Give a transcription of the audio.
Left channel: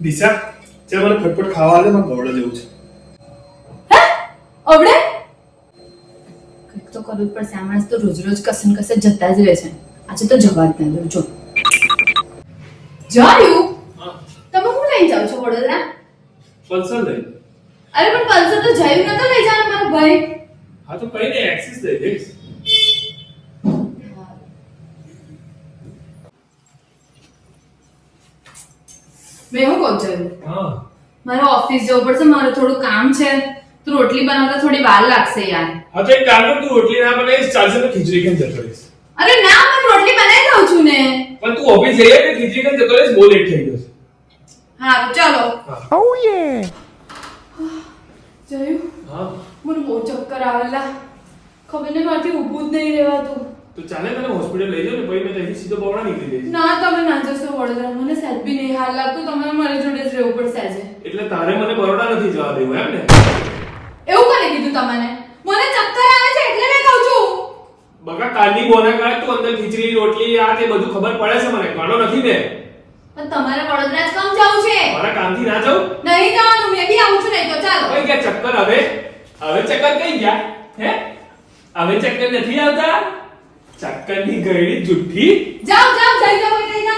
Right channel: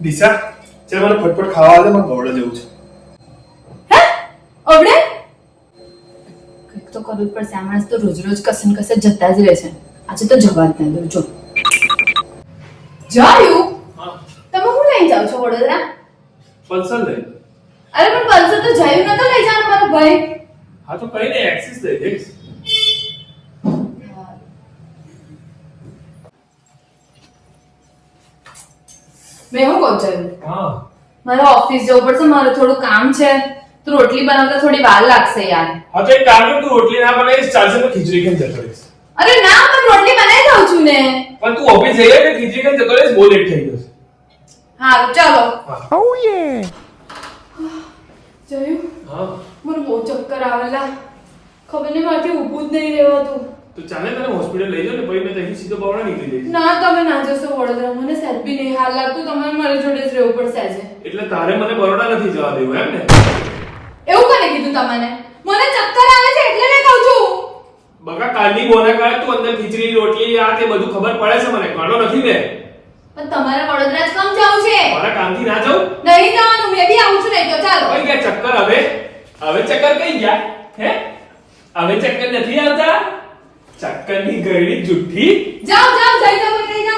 દિશા ચાલ મને ફટફટ ખાવા દે, મને ગવડે જવું છે. હે અવડે કંઈક તો કરવું જ પડશે. આ માણસ તો રોજ રોજ કસે ને કસે જતા જ રહે છે. આજે તો જવા જ ના દઉં. જો જાયું તમે હું લઈ જાવ છો વડોદરા? પલ્સર લઈ. અરે પણ પલ્સર તો જાયું નતો લઈ જવાનો મારો ભાઈ. હા તો કઈ નહીં, એક્સિસ લઈ જઈશ. મેં હું કહું છું, હા મારે ઓફિસ જવું પડશે, મારું થોડું કામ છે. તું રોટલી બનાવતા થોડી વાર લાગશે યાર. હા તો એક કામ કર, તું રોટલી ના બનાવીશ ચાલશે તો ખીચડી ખાઈને જતો રહીશ. અરે ના, હું રોટલી બનાવી દઉં છું ને. પણ તું ઓફિસ જઈએ ને ખીચડી ખાઈને જતો રહીશ, બહુ લેટ થઈ જશે. હા ચાલો. ઓ જોયું હા મને બહુ ચક્કર આવેલા. ખબર નહીં મારાથી ઊભું જ નહીં રહેવાતું. તો ચાલે તને હોસ્પિટલ લઈ જાવ ને, પછી મેં ત્યાંથી સીધો બવડા નીકળી જઈશ. ના તમે ના જશો વડોદરા, મને સહેજ બી નહીં હાલ લાગતું. તમારે મારી જોડે જ રહેવું પડશે આજે. એટલે તારે મને બરોડા નથી જવા દેવું એમ ને? એવું કોને કીધું તમને? મને ચક્કર આવે છે એટલે મેં કહું છું. બકા કાલની બોના કાળે તું અંદર ખીચડી રોટલી આ તે બધું ખબર પડે છે મને, કાણો નથી ને. પણ તમારે વડોદરા જ કેમ જવું છે? મારા કામથી ના જાઉં? નહીં જવાનું, મેં બી આવું છું નહીં તો ચાલો. કઈ ગયા ચક્કર? હવે હવે ચક્કર કઈ ગયા? હે હવે ચક્કર નથી આવતા? ચક્કરની ગયડી જુઠ્ઠી. જાઓ જાઓ જઈ જાઓ જઈ જાઓ.